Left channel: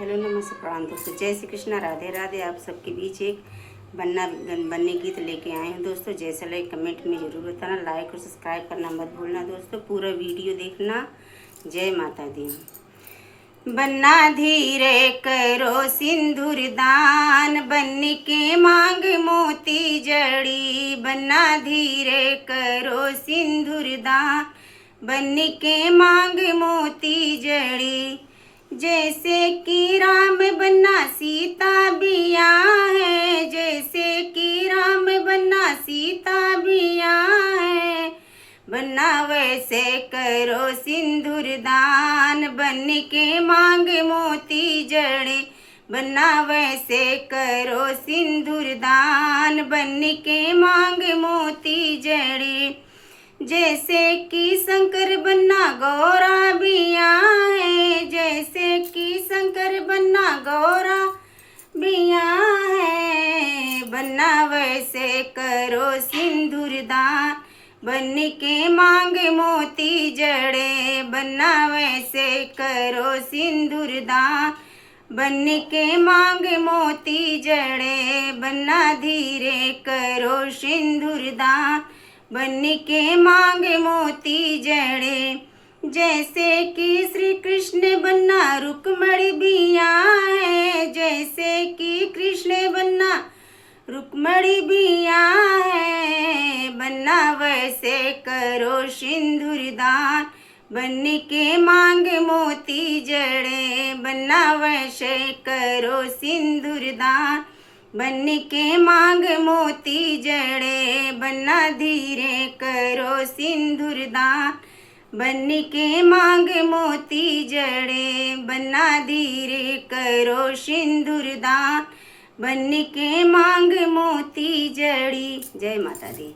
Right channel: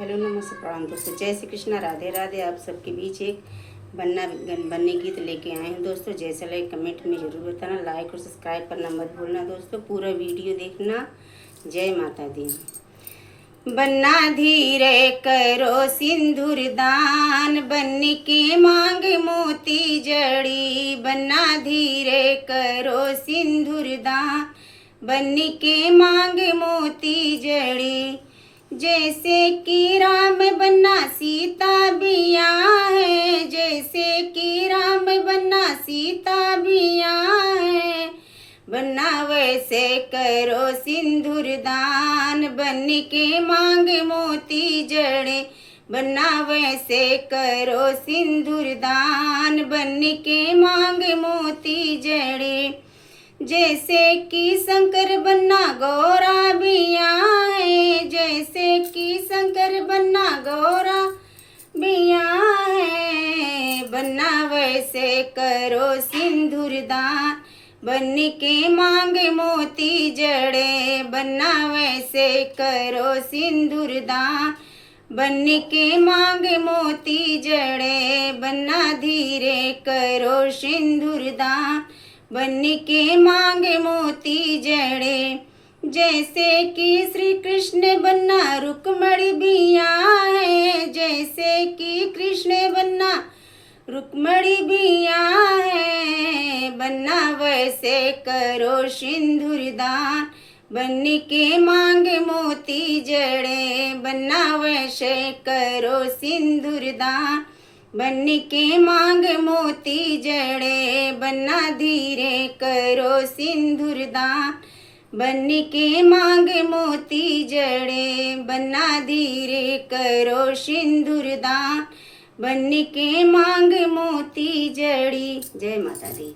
Hello नमस्ते प्रणाम दोस्तों, जय श्री कृष्णा, राधे राधे। आप सबके बीच एक बनने गीत लेके आए हैं दोस्तों। जैसा लगे कमेंट में ज़रूर बताना, लाइक और सब्सक्राइब करना मत भूलना दोस्तों, पूरा वीडियो देखना। जय माता दी। बन्ना धीरे करो सिंदूर दान, बन्नी के मांग मोती जड़ी। बन्ना धीरे करो सिंदूर दान, बन्नी के मांग मोती जड़ी। जैसे कि राम बन्ना सीता बिया है, जैसे कि राम बन्ना सीता बिया है। बन्ना वैसे करो सिंदूर दान, बन्नी के मांग मोती जड़े। बन्ना वैसे करो सिंदूर दान, बन्नी के मांग मोती जड़े। जैसे कि शंकर बन्ना गौरा बिया है, जैसे कि शंकर बन्ना गौरा बिया है। बन्ना वैसे करो सिंदूर दान, बन्नी के मांग मोती जड़े। बन्ना वैसे करो सिंदूर दान, बन्नी के मांग मोती जड़े। बन्ना धीरे करो सिंदूर दान, बन्नी के मांग मोती जड़े। जैसे कि श्री कृष्ण बन्ना रुक्मणी बिया है, जैसे कि कृष्ण बन्ना रुक्मणी बिया है। बन्ना वैसे करो सिंदूर दान, बन्नी के मांग मोती जड़े। बन्ना वैसे करो सिंदूर दान, बन्नी के मांग मोती जड़े। बन्ना धीरे करो सिंदूर दान, बन्नी के मांग मोती जड़े। बन्ना धीरे करो सिंदूर दान, बन्नी के मांग मोती जड़ी। जय माता दी।